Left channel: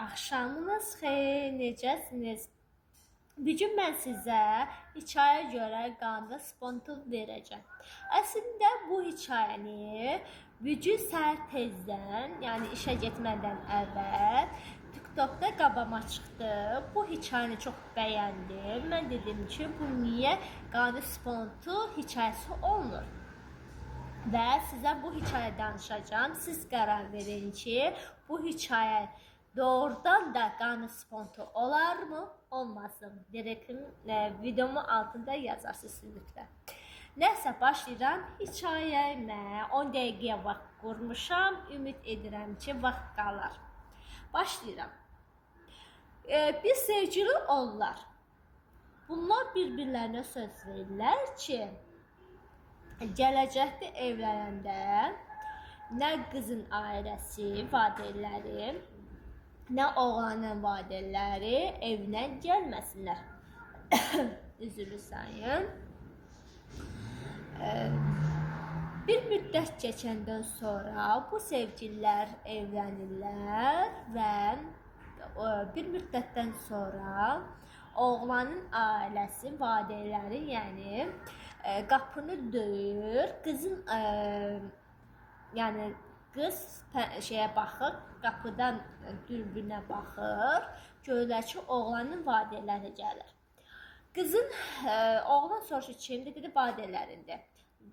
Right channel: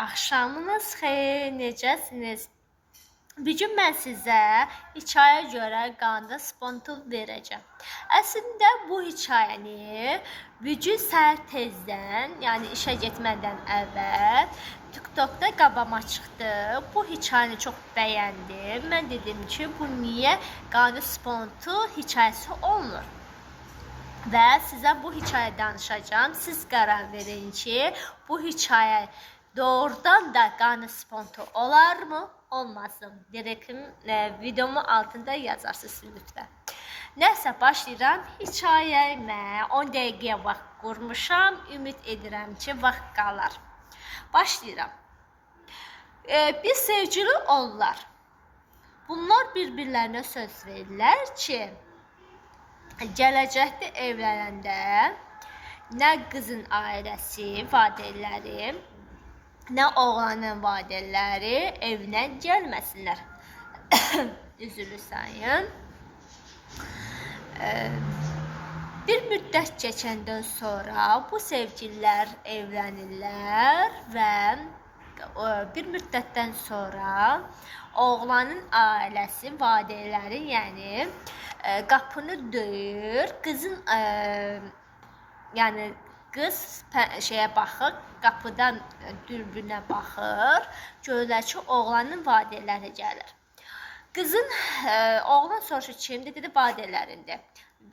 Axşamınız xeyir, necəsiniz? Bir gün mən sizə hikayə görə qanda spontan verəcəm. Əslində bu hikayəni bir gün səhər tezdən, yəni işə getmədən əvvəl TikTokda qabama çıxdı. Bu hikayəni çox bəyəndim. Mən dedim ki, bu niyə qanda spontan hekayəsi olmur? Və sizə bu hikayə danışacağım. Siz qərar verin ki, bu hikayə doğrudan da qanı spontan olar mı, olmasın? Direktim videomun altında yazarsınız lütfen. Nəsə, başlayıram. Hikayəmə 10 dəqiqəyə vaxt qurmuşam. Ümid edirəm ki, vaxt qalar. Başlayıram. Bir sevgili olurlar. Bunlar bir-birlərinə söz verirlər ki, gələcəkdə evlənəndə nə qızın ailəsi, valideynləri, nə oğlanın valideynləri evinə gəlməsinlər. Üzülü sayın. Bir müddət keçəndən sonra bu sevgililər evlənirlər və bir müddətdən sonra oğlanın ailəsi, valideynləri, yəni qapını döyür, qızın yəni qız şeyə baxır, qapıdan dürbünə baxır, görürlər ki, oğlanın valideynləri gəlir. Qızın oğlan soruşur kimdir, dedi valideynlərində.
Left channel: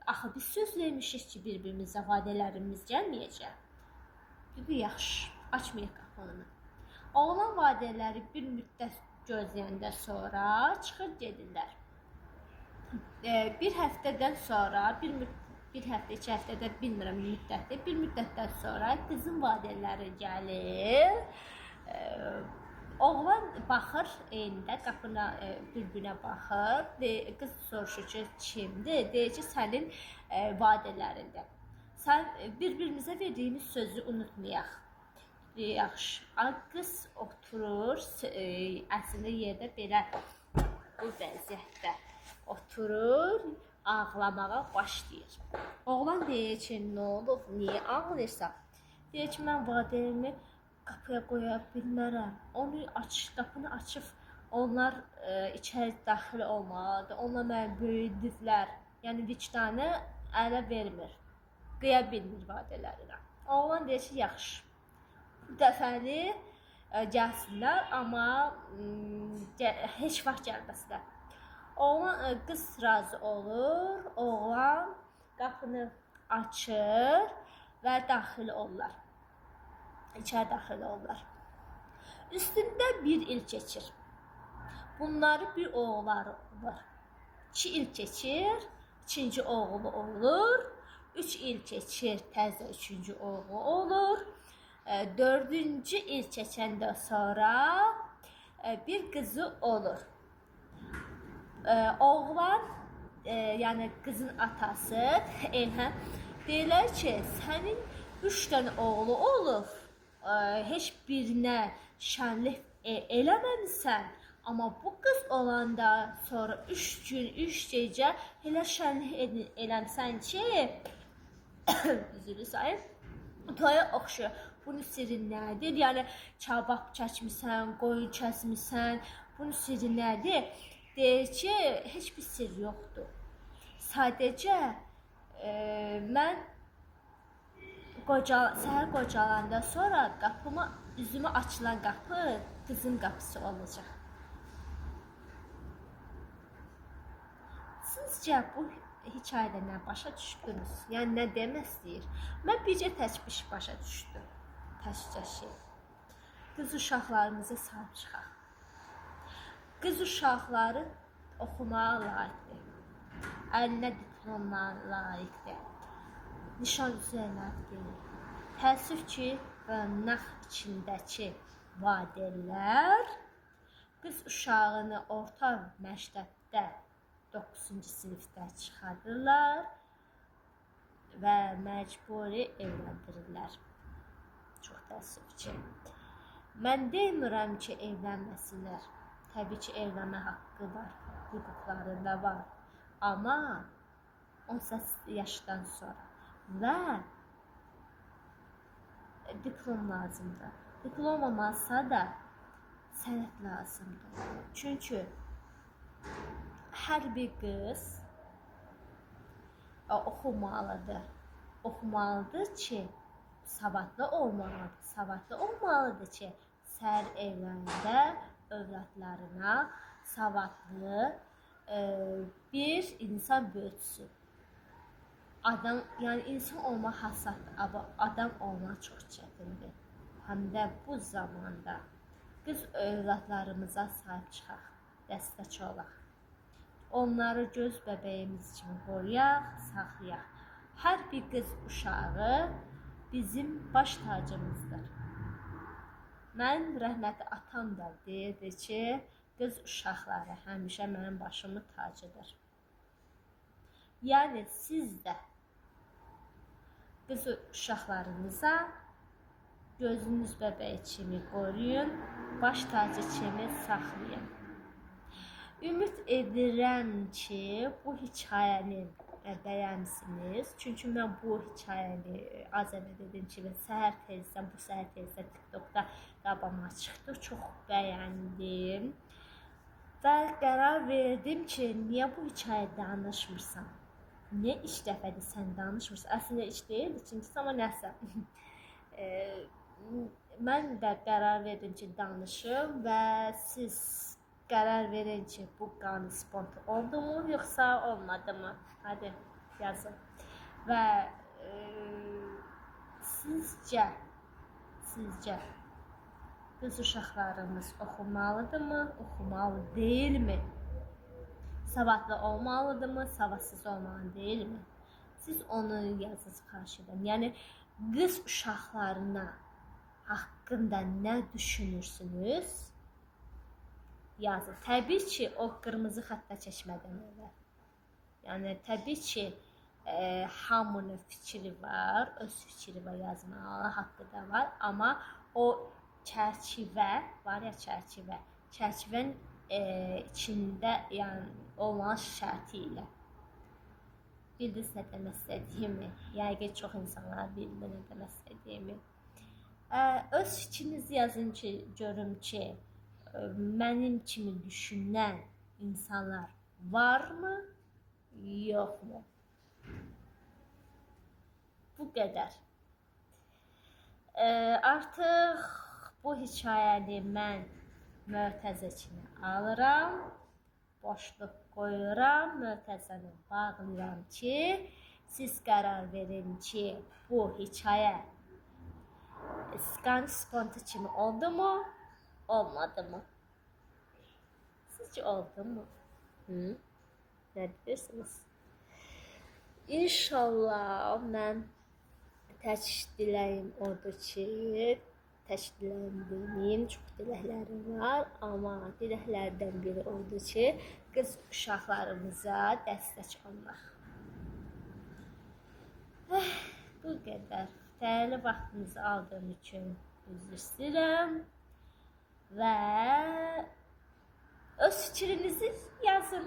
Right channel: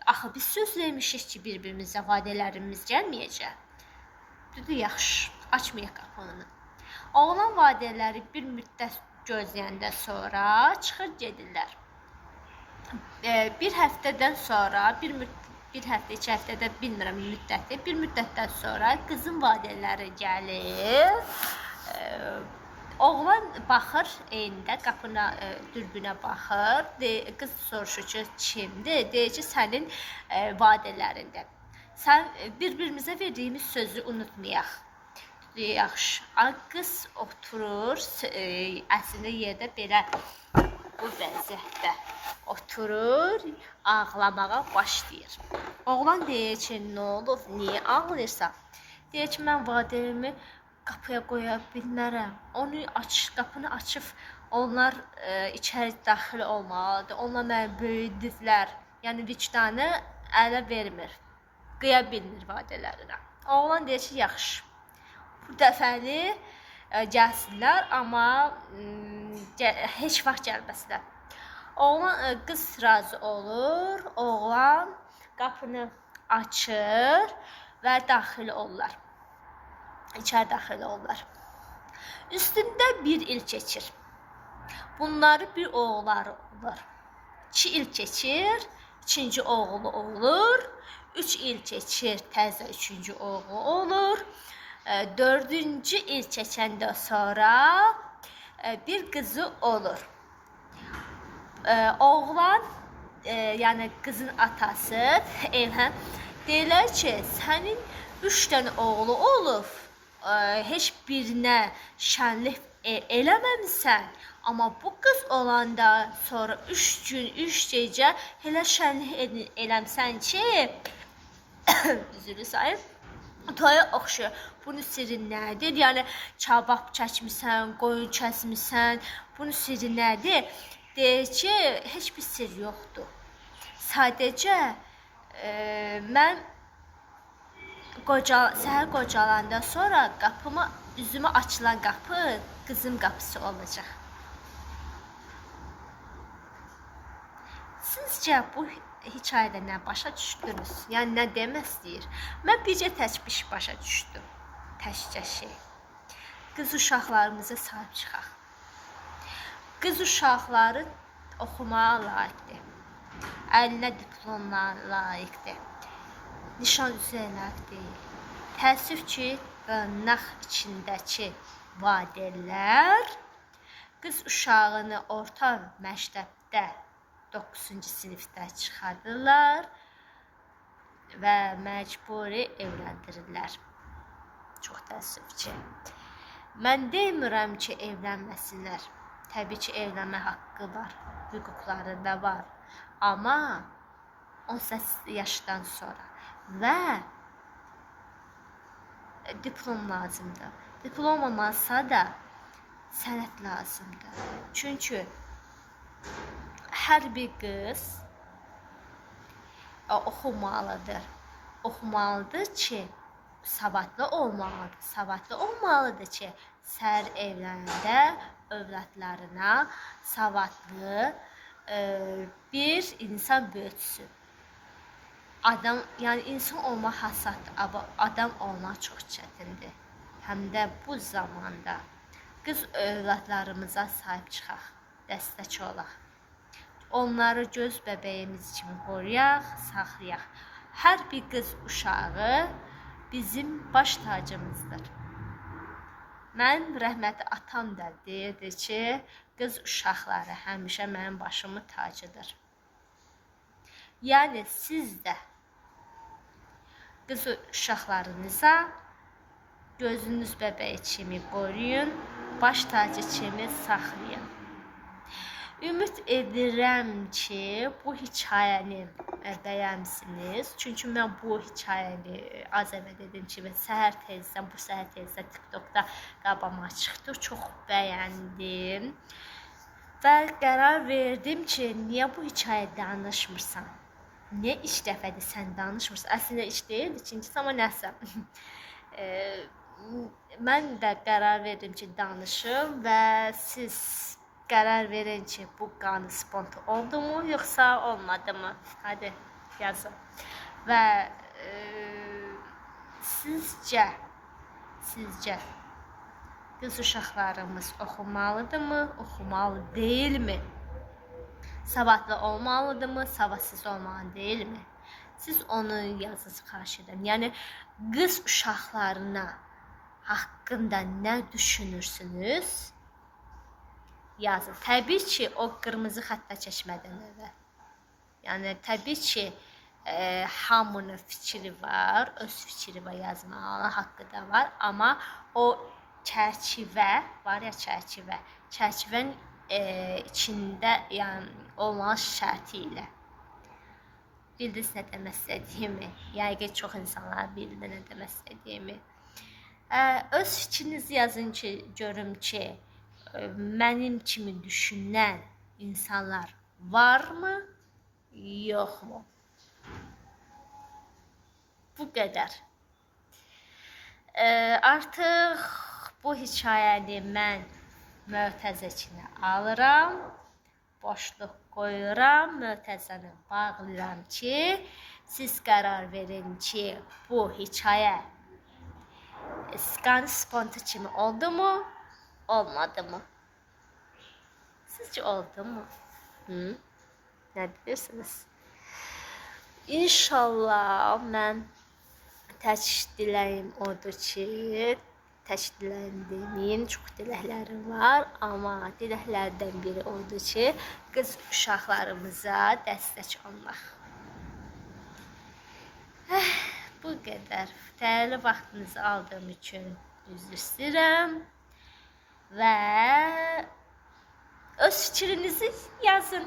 Axı biz söz vermişik ki, bir-birimizə valideynlərimiz gəlməyəcək. Dedi yaxşı, açmayaq qapını. Oğlan valideynləri bir müddət gözləyəndə sonra çıxır gedirlər. Bir həftədən sonra, bir həftə, 2 həftədə bilmirəm müddəti, bir müddətdən sonra qızın valideynləri gəlir. Oğlan baxır eyndə, qapına, dürbünə baxır. Qız soruşur ki, kimdir? Deyir ki, sənin valideynlərində. Sən bir-birimizə verdiyimiz sözü unutmayaq. Yaxşı. Qız oturur, əslində yerdə belə bu vəziyyətdə oturur, ağlamağa başlayır. Oğlan deyir ki, nə olub, niyə ağlayırsan? Deyir ki, mən valideynimi qapıya qoya bilmərəm. Onu qapını açıb, onlar içəri daxil olmalıdır. Onlar məni böyüdüblər. Yəni vicdanı ələ vermir. Qıya bilmir valideynlərinə. Oğlan deyir ki, yaxşı. Bu dəfəli gəlsinlər, amma heç vaxt gəlməsinlər. Oğlan, qız razı olur, oğlan qapını açır və daxil olurlar. İçəri daxil olurlar. Üstündə bir il keçir. Bunları bir oğulları olur. 2 il keçir, 2-ci oğlu olur. 3 il keçir, təzə 3-cü oğlu olur. 4-cü il keçəndə sonra bir qızı olur. Oğlan, yəni qızın atası deyirlər ki, sənin 3 dənə oğlu olub, heç birinə şənlik eləməmisən, amma bu qız olanda sonra 3 gün, 3 gecə elə şənlik eləmsən ki, üzülü sayın, toya oxşuyor. Bunun sirri nədir? Yəni, kabab çəkmisən, qoyun kəsmisən, bunun sirri nədir? Deyir ki, heç bir sir yoxdur. Sadəcə, mən səhər qocalanda sonra üzümə açılan qapı qızın qapısı olacaq. Sizcə bu hikayədə nə başa düşdünüz? Yəni, nə demək istəyir? Mən bircə təkbiş başa düşdüm. Təkcə şey. Qız uşaqlarımıza sahib çıxaq. Qız uşaqları oxumağa layiqdir. Əlinə diplomlar layiqdir. Nişan üzəyə layiq deyil. Təəssüf ki, qınaq içindəki valideynlər qız uşağını orta məktəbdə 9-cu sinifdə çıxarırlar və məcburi evləndirirlər. Çox təəssüf ki. Mən demirəm ki, evlənməsinlər. Təbii ki, evlənmə haqqı var, hüquqları da var. Amma 18 yaşdan sonra və diplom lazımdır. Diplom olmazsa da sənət lazımdır. Çünki hər bir qız oxumalıdır. Oxumalıdır ki, savadlı olmalıdır. Savadlı olmalıdır ki, səhər evlərində övladlarına savadlı bir insan böyütsün. Adam, yəni insan olmaq hasaddır, amma adam olmaq çox çətindir. Həm də bu zamanda qız övladlarımıza sahib çıxaq, dəstək olaq. Onları göz bəbəyimiz kimi qoruyaq, saxlayaq. Hər bir qız uşağı bizim baş tacımızdır. Mənim rəhmətli atam da deyirdi ki, qız uşaqları həmişə mənim başımın tacıdır. Yəni siz də qız uşaqlarınıza gözünüz bəbəyi kimi qoruyun, baş tacı kimi saxlayın. Ümid edirəm ki, bu hekayəni bəyənsiniz. Çünki mən bu hekayəni az əvvəl dedim ki, bu səhər tezdən TikTokda qabağıma çıxdı. Çox bəyəndim. Və qərar verdim ki, niyə bu hekayə danışmırsan? Niyə ilk dəfədir sən danışmırsan? Əslində ilk deyildi, ikincisi, amma nəsə. Mən də qərar verdim ki, danışım və siz qərar verin ki, bu qanı spontan oldu mu, yoxsa olmadı mı? Hadi yazın. Və sizcə qız uşaqlarımız oxumalıdır mı, oxumalı deyilmi? Savadlı olmalıdır mı, savadsız olmalı deyilmi? Siz onu yazınız, xahiş edirəm. Yəni qız uşaqlarına haqqında nə düşünürsünüz? Yazın. Təbii ki, o qırmızı xəttə keçmədən əvvəl. Yəni təbii ki, hamının fikri var, öz fikri var, yazmalı haqqı da var, amma o çərçivə var ya, çərçivənin içində yəni olmalı şərti ilə. Bildiniz nə demək istədiyimi? Yəqin çox insanlar bildi nə demək istədiyimi. Öz fikrinizi yazın ki, görüm ki, mənim kimi düşünən insanlar varmı, yoxmu? Bu qədər. Artıq bu hekayəni mən mötəzəkinə alıram, boşluq qoyuram, mötəzəni bağlayıram ki, siz qərar verin ki, bu hekayə qanı spontan kimi oldu mu? Olmadı mı? Sizce oldu mu? Nə deyirsiniz? İnşallah mən tək diləyim odur ki, tək diləyim deməyim, çox diləklərim var, amma diləklərdən biri odur ki, qız uşaqlarımıza dəstək olmaq. Bu qədər. Dəyərli vaxtınızı aldığım üçün üzr istəyirəm. Və öz fikrinizi yazın.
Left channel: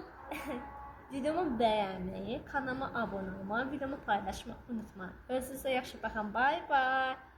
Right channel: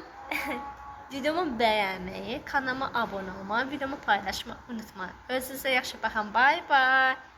Videomu bəyənməyi, kanalıma abunə olmayı, videomu paylaşmayı unutmayın. Özünüzə yaxşı baxın. Bye bye.